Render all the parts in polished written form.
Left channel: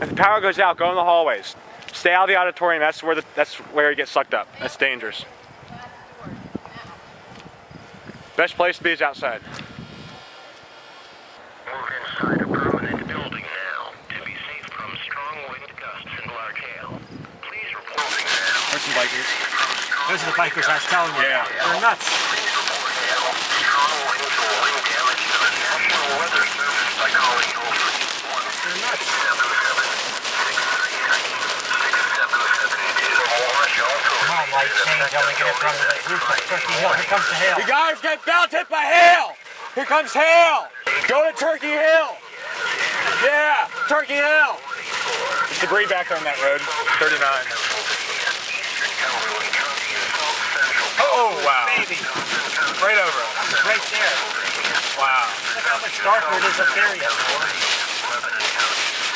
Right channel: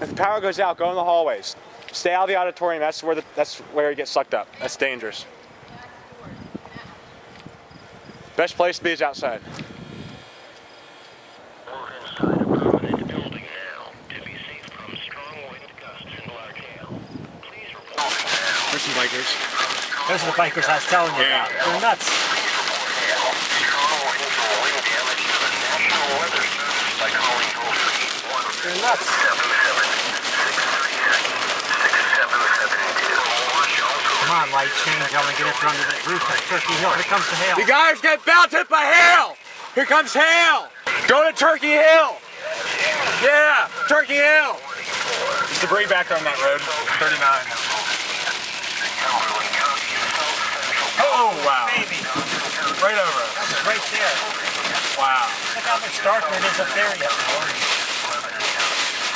If the power goes out, go in the hallways. Stay out of the auditorium. That's where you get sucked up. That's dangerous. Best place to be is outside. Move inside a permanent building now to be safe from strong wind gusts and large hail. Please report now. There's some bikers. Those are the bikers I was telling you Yeah. about. They're nuts. Strong winds or wind damage to the National Weather Service by calling toll-free They're nuts. 1-877-677-2. Come on, light change. I'm gonna get it from the roof of Turkey Hill. Here comes the hail. You guys get belted by hail! Here comes hail! Go to Turkey Hill! Yeah, Turkey Hill! There's debris back on that road, 39. Oh, wow. Baby. Right over us. Right there. Wow. Look how much darker it is up there yet.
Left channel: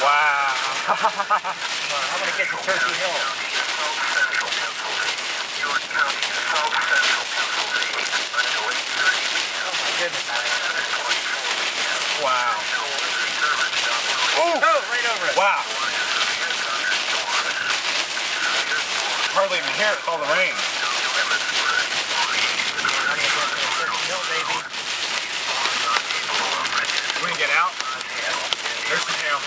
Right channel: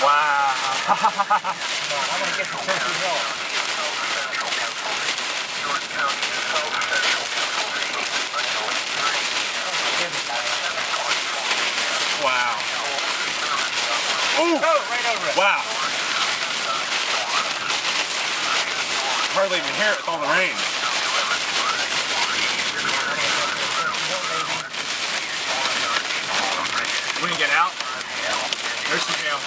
Wow. Come on, I'm gonna get to Turkey Hill. Wow. Ooh! Oh, right over it. Wow. Hardly even hear it with all the rain. We can get out. There's some hail.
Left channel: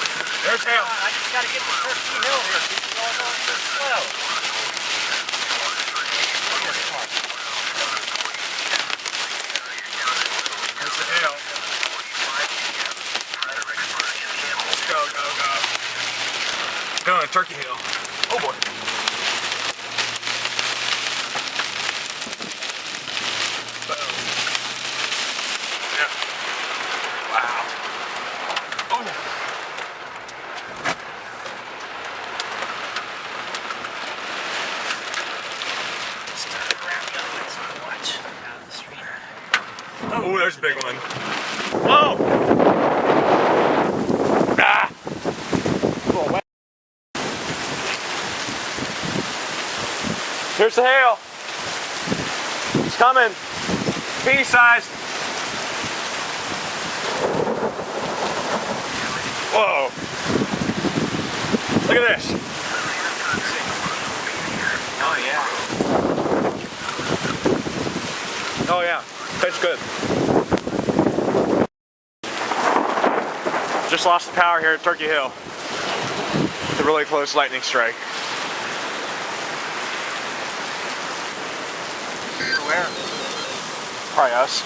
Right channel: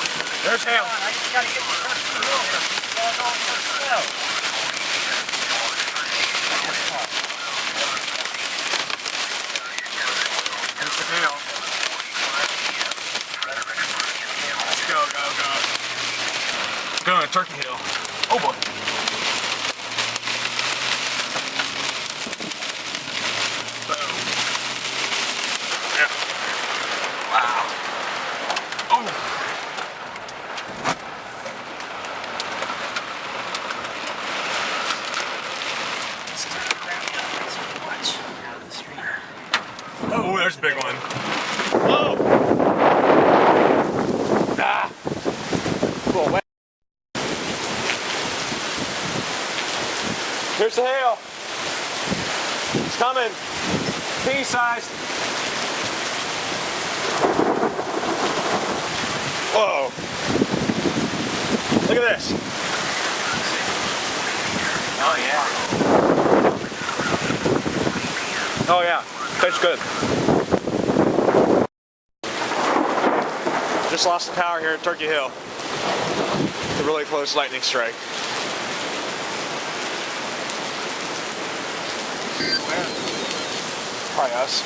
There's hail. I just gotta get to Turkey Hill here. It's going on so slow. There's the hail. Let's go, go, go. Going to Turkey Hill. Oh boy. Boom. Yeah. Wow. Oh. Oh, there's a big one. Whoa! Ah! Whoa, wet. Here's the hail. It's coming. Pea size. Whoa. Look at this. Oh, yeah. Oh yeah, tastes good. Just lost the power here at Turkey Hill. It's a really close lightning strike. Where? Probably us.